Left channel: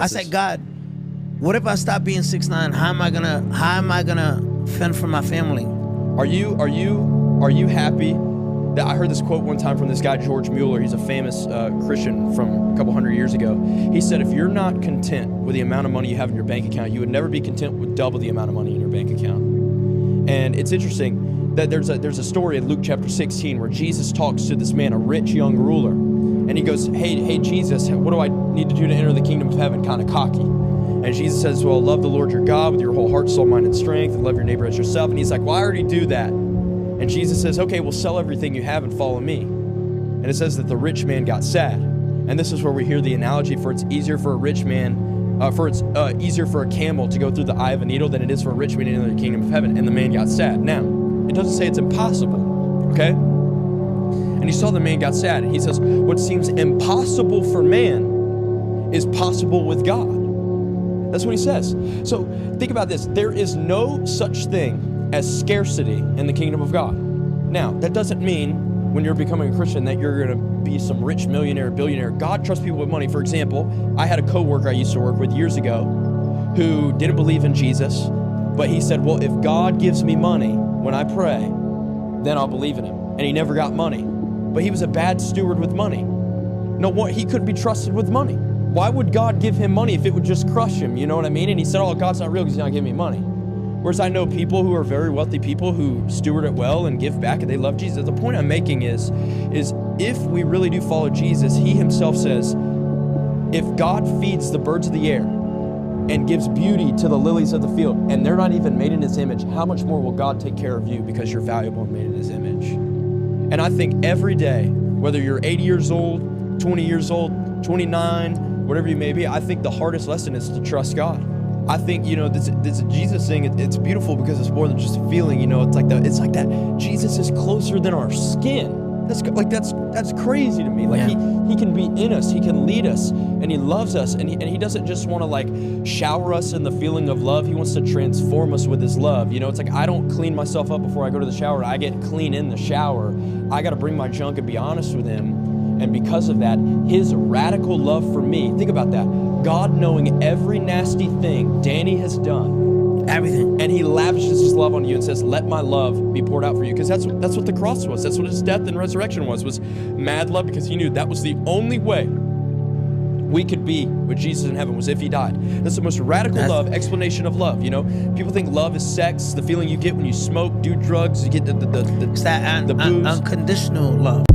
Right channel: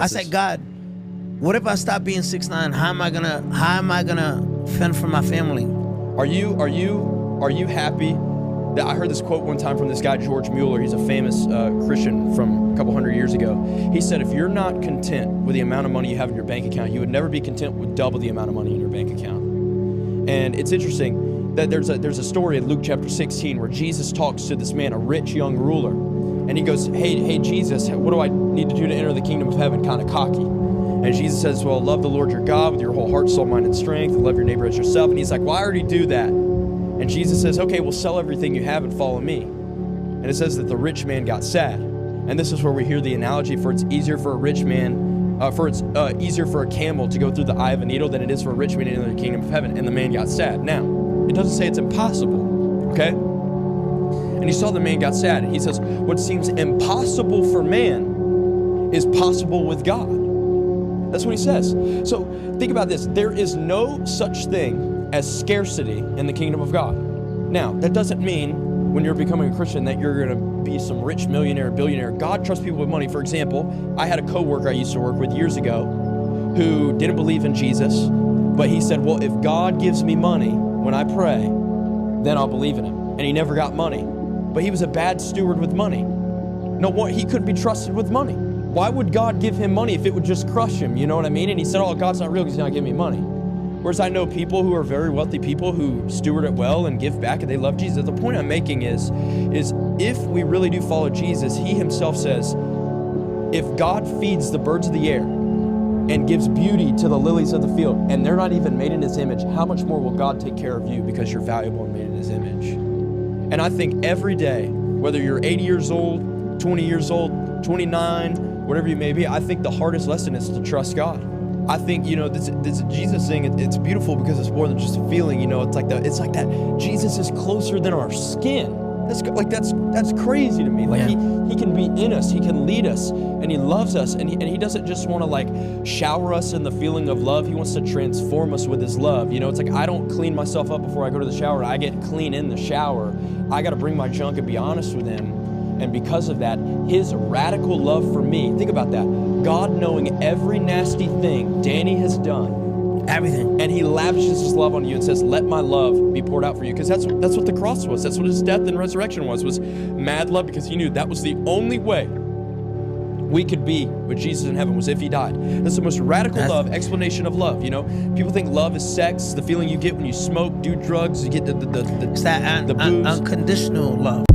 I said, God, what if I stop being 6'9"? How am I gonna fend for my family? Are you happy that I heard this quote one time from this guy, George Mueller. He's a famous Christian from a couple hundred years ago. He said, if you're not content with the amount of money you have in your bank account, you would never be content with double the amount of money in your bank account. And it's interesting that there's a story in Luke chapter 16 where Jesus talks to this man, a rich young ruler. And he goes, hey Jesus, what do I need to do to enter the kingdom of heaven? Kind of cocky. And Jesus says, well, love the Lord your God with your whole heart, soul, mind, and strength, and love your neighbor as yourself. And he's like, well, I already do that. And Jesus says, okay, well, sell everything you have and follow me. And it says that the rich man got sad. And this is where we hear the analogy for it's easier for a rich man, easier for a camel to go through the eye of a needle than it is for a rich man to enter the kingdom of heaven. And the man got sad. Now, it doesn't say it's impossible, okay? And you saw the man got sad. And he says, what seems impossible for man is possible with God. That's what he says. So think about this. There is no such thing as scarcity in the kingdom of God. Now, that doesn't mean when you're becoming a Christian that you're going to be some rich millionaire, billionaire. God trusts people with money. For example, I had a coworker I used to work with years ago who didn't believe in Jesus, but he said, well, if God gives me money when I pray, then I'll believe in him. And he never got money. But he was a bad steward with money. No, he couldn't be trusted with money. Why would God give him money if it would just crush him? You know what I mean? And he said, oh, God's not real because he's not giving me money. Whereas I know people who are very wealthy people who steward it well and give back and they love Jesus. The point I'm making is if we really do follow Jesus, he himself says, if God feeds the birds of the air and gives beauty to the lilies of the field and they're not even made in his image, how much more will God take care of you because you're valuable and made in his image? And I think every day, whether you're 80 years old, 20 years old, 29, whatever you may be, I think the hardest lesson is to trust God. I think, this Jesus thing, it's beautiful because it's more than just a feeling, it's like that Jesus is closer than our skin. That's crazy to me. He can be in us, he can lead us, and he loves us, and he doesn't just want to shower us in the feeling of love. He wants to transform us with his love. It's like I don't clean myself up before I go to the shower. I get clean in the shower. I got to bring my junk and be honest with him. And because of that, his radical love for me, think about that. God knowing every nasty thing Danny has done. Everything. And he lavishes his love on you and says, let my love be poured out for you. Because that's what the cross was. That's what his death and resurrection was mad love, because he knew that was the only way we could be with Jesus in heaven was if he died. That's the most radical explanation of love. People think love is sex, the feeling you get when you smoke, do drugs, you get the it's that booze. unconditional love.